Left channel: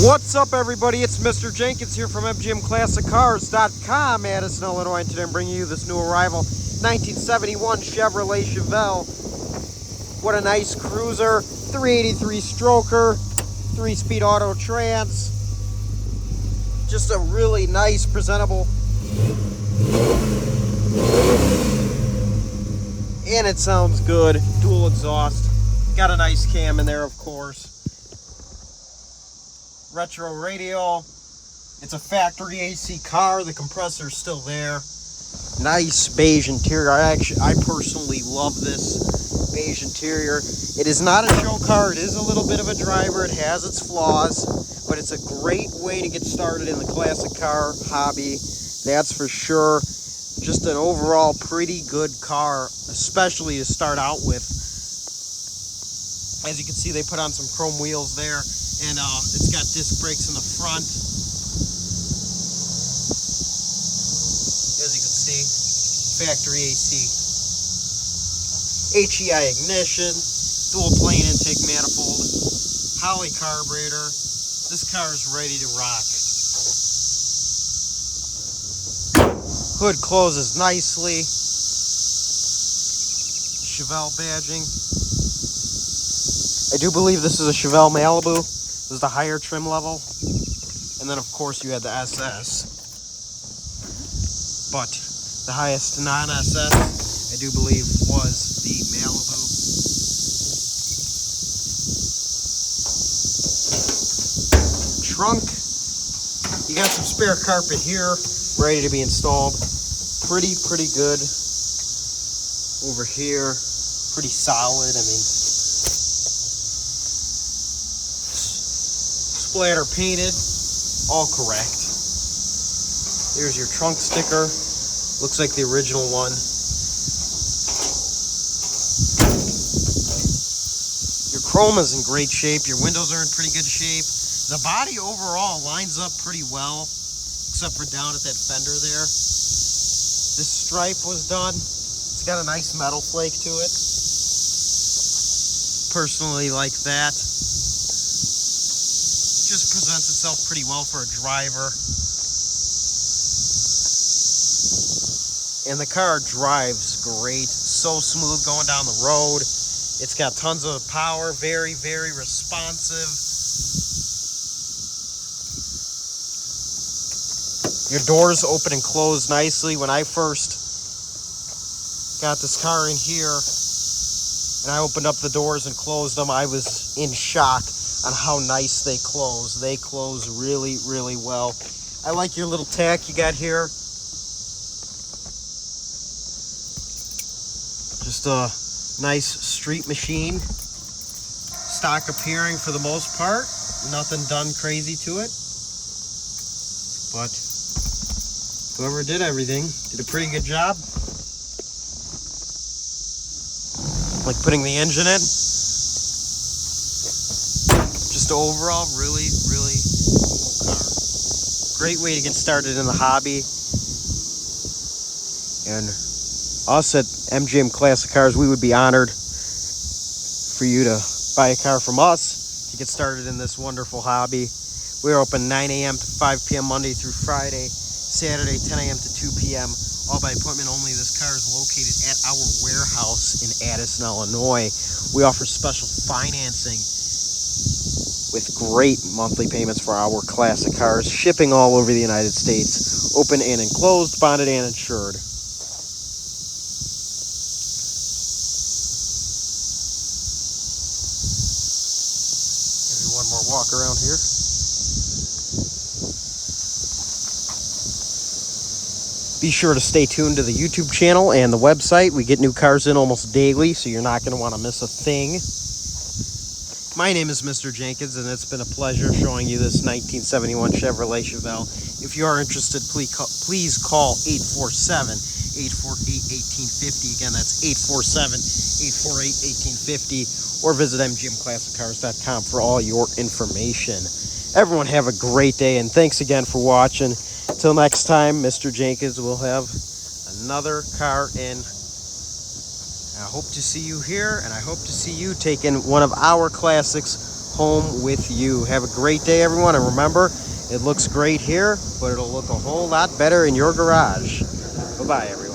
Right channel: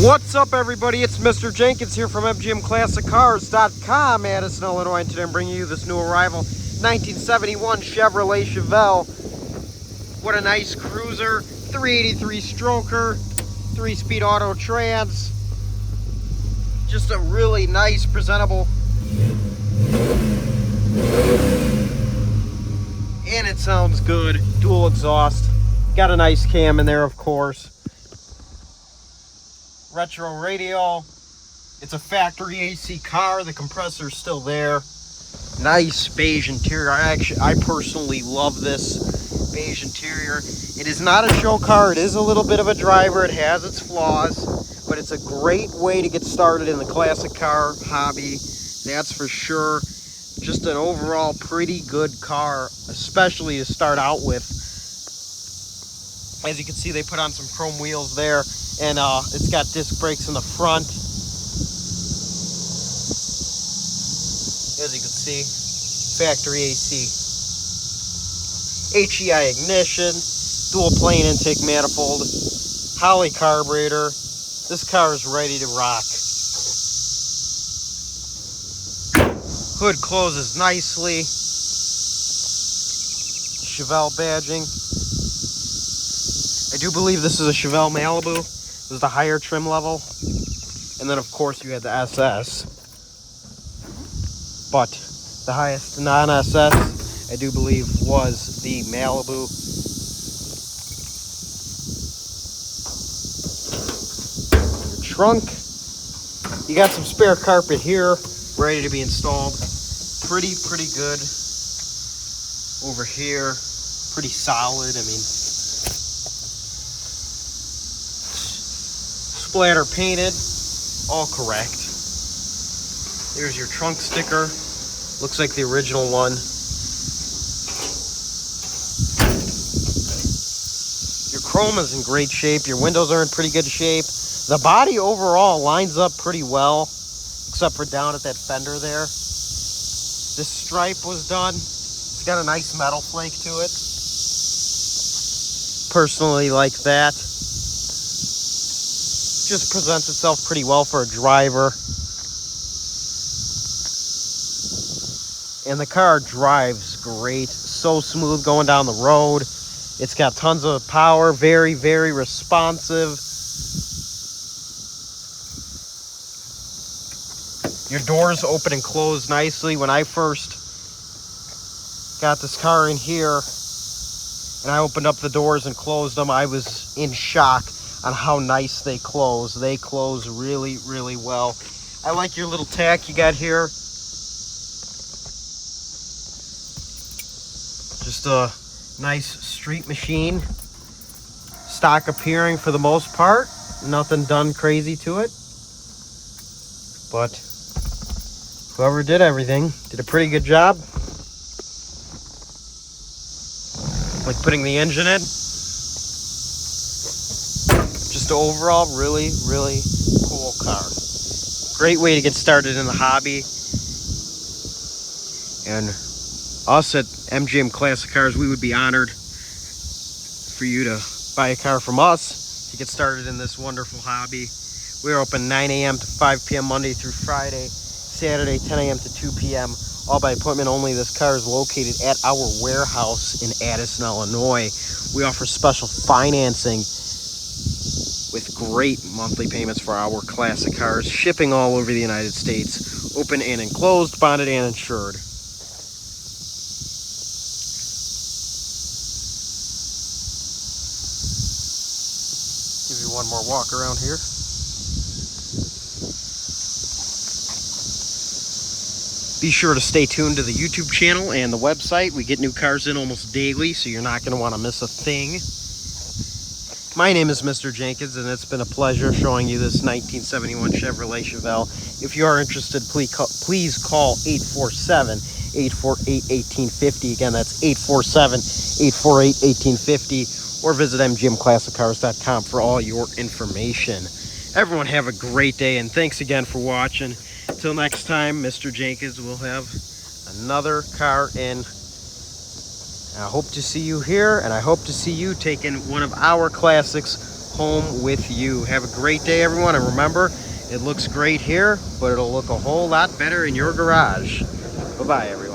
What's up, everybody? It's Mr. Jenkins here from MGMClassicCars.com, Addison, Illinois, and today I'm bringing you this new arrival 1971 Chevrolet Chevelle. What a nice cruiser, 383 stroker, 3-speed auto trans. Just a really nice, presentable, and it sounds good. Dual exhaust, got a nice cam in there, of course. Retro radio. It's a factory AC car. The compressor's still there. Nice beige interior. I personally love this beige interior. It is not a show car. It is a little bit of a driver. It has its flaws, but it's a great way to get started in the classic car hobby. That's for sure. Just an overall pretty good car, especially to start out with. As you can see, they put on some chrome wheels there, and it's got disc brakes in the front. As you can see, factory AC. HEI ignition, dual plane intake manifold, Holley carburetor. This car is ready to rock. Hood closes nicely. Chevelle badging. I do believe this is a Chevelle Malibu. This is the higher trim level. And then, of course, you had the SS. But the highest non-SS, I do believe, was the Malibu. Trunk. You got some spare carpet here, ready to be installed. Pretty good. Over here, pretty solid. I mean, splatter painted, all correct. Here's your trunk sticker. Looks like the original one. Your chrome is in great shape. Your windows are in pretty good shape. The body overall lines up pretty well, except for down at that fender there. This stripe was done. It's got a nice metal flake to it. Personally like that. Just presents itself pretty well for a driver. And the car drives great. So smooth going down the road. It's got tons of power. Very responsive. Your doors open and close nicely. When I first got this car in here and I opened up the doors and closed them, I was in shock on how nice they close. They close really well. I like your little tack you got here. Just a nice street machine. Stock appearing for the most part. Nothing done crazy to it. But whoever did everything did a pretty good job. Like putting the engine in. Just overall, really cool car. Great way to get started in the hobby. And us at MGM Classic Cars, we would be honored for you to buy a car from us to get started in this wonderful hobby. We're open 9 a.m. to 5 p.m. Monday through Friday. Saturday, 10 a.m. to 2 p.m. All by appointment only. This car is located at our warehouse in Addison, Illinois. We offer special financing with great monthly payments for our classic cars. Shipping all over the United States. Open and enclosed, bonded and insured. Give you one more walk around here. Be sure to stay tuned to the YouTube channel and the website. We get new cars in almost daily, so you're not going to want to miss a thing. My name is Mr. Jenkins, and it's been a pleasure showing you this 1971 Chevrolet Chevelle. If you are interested, please call 847-848-1850. Again, that's 847-848-1850, or visit MGMClassicCars.com for all your information. Everyone have a great day, and thanks again for watching. Until next time, Mr. Jenkins will have another car in. I hope to see you here, and I hope to see you taking one of our classics home with you. Have a great day, everyone. And remember, it looks great here, but it'll look a whole lot better in your garage. Bye-bye, everyone.